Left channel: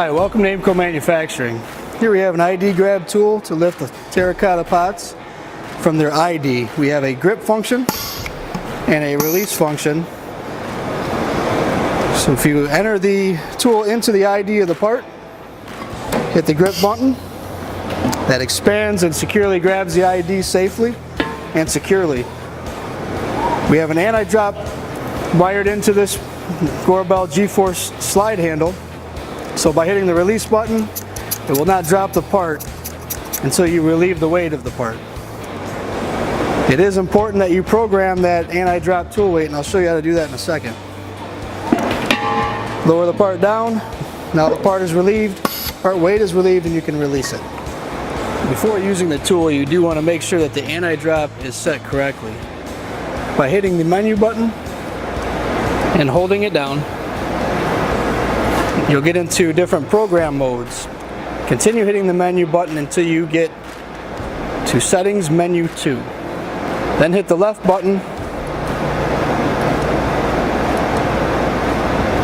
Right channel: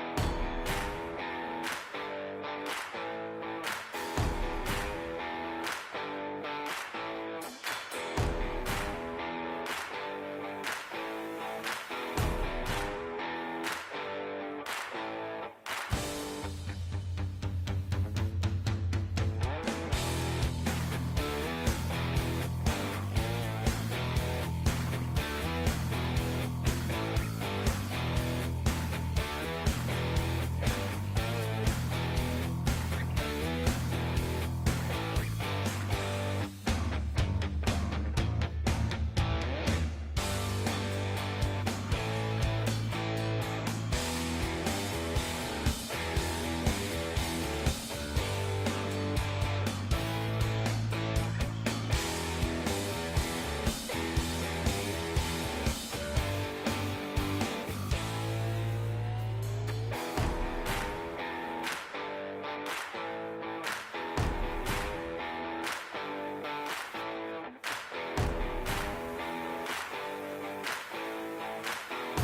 Hi, welcome to Aimco Manufacturing. Here we have an ID Grab tool to lift the terracotta pots from their ID. We have a grip function and a release function. So if you enter the tool into the ID of the part, hit the grip button, that expands and securely grabs the ID safely and securely. We have an anti-drop wired into this Gorbel G-force slide handle. So by hitting the release button, it will not drop the part until you relieve the weight of the part. It is important that you program that anti-drop tool weight, and I'll show you how to do that in a second. Lower the part down. Now the part is relieved, part weight is relieved, and you can release it. Before using the tool, you do want to make sure that the anti-drop is set correctly. By hitting the menu button and holding it down, you'll get into different program modes. Continue hitting the menu button until you get to Settings Menu 2. Then hit the left button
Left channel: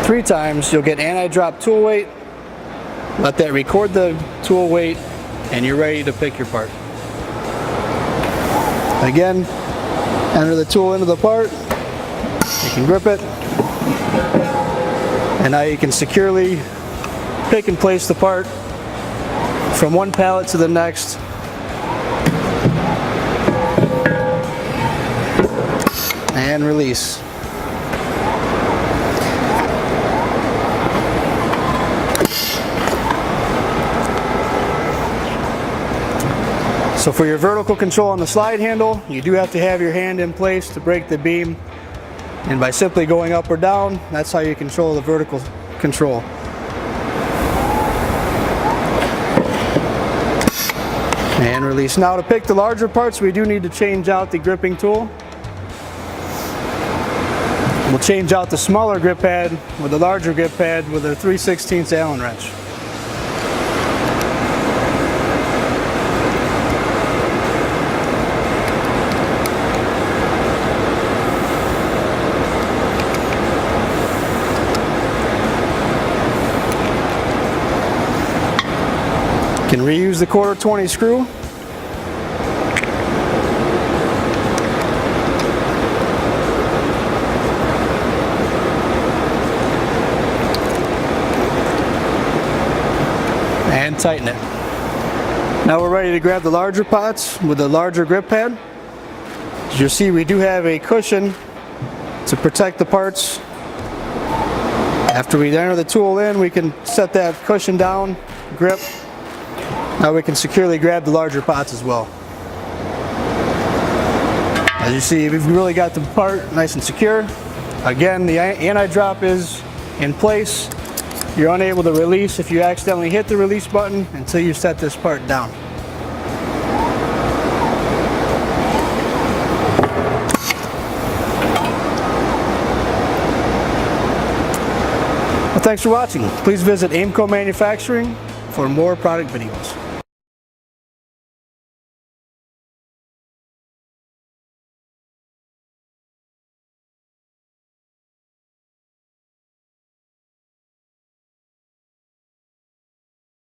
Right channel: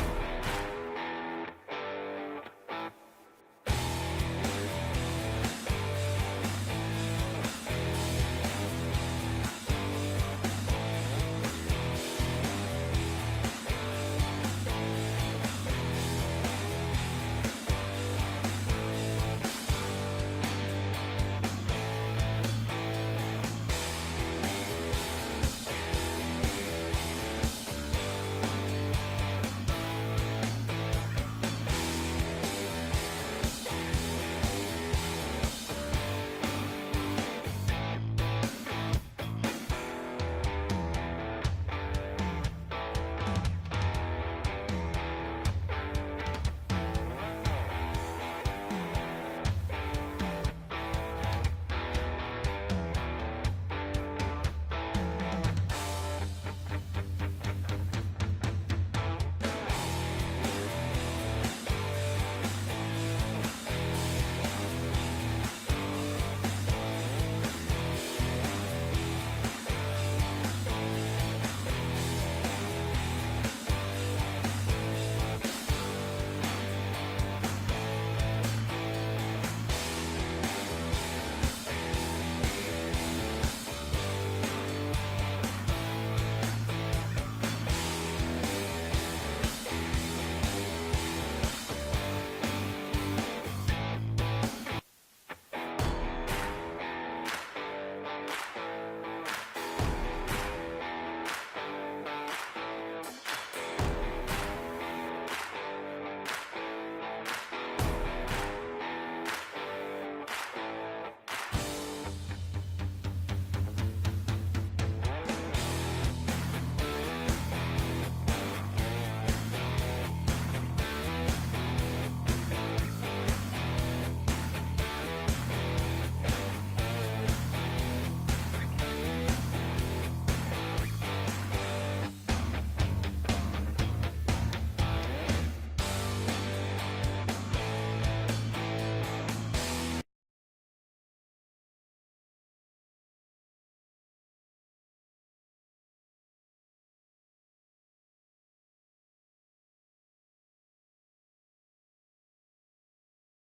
3 times. You'll get anti-drop tool weight. Let that record the tool weight, and you're ready to pick your part. Again, enter the tool into the part. You can grip it. And now you can securely pick and place the part from one pallet to the next. And release. So for your vertical control on the slide handle, you do have to have your hand in place to break the beam. And by simply going up or down, that's how you control the vertical control. And release. Now to pick the larger parts, we do need to change out the gripping tool. We'll change out the smaller grip pad with the larger grip pad with a 3/16 Allen wrench. You can reuse the 1/4-20 screw. And tighten it. Now we're ready to grab the larger pots with the larger grip pad. As you'll see, we do have a cushion to protect the parts. After we enter the tool in, we can set that cushion down, grip. Now we can securely grab the larger pots as well. As you see, we've really got the part nice and secure. Again, the anti-drop is in place. You're unable to release if you accidentally hit the release button until you set this part down. Well, thanks for watching. Please visit Aimco Manufacturing for more product videos.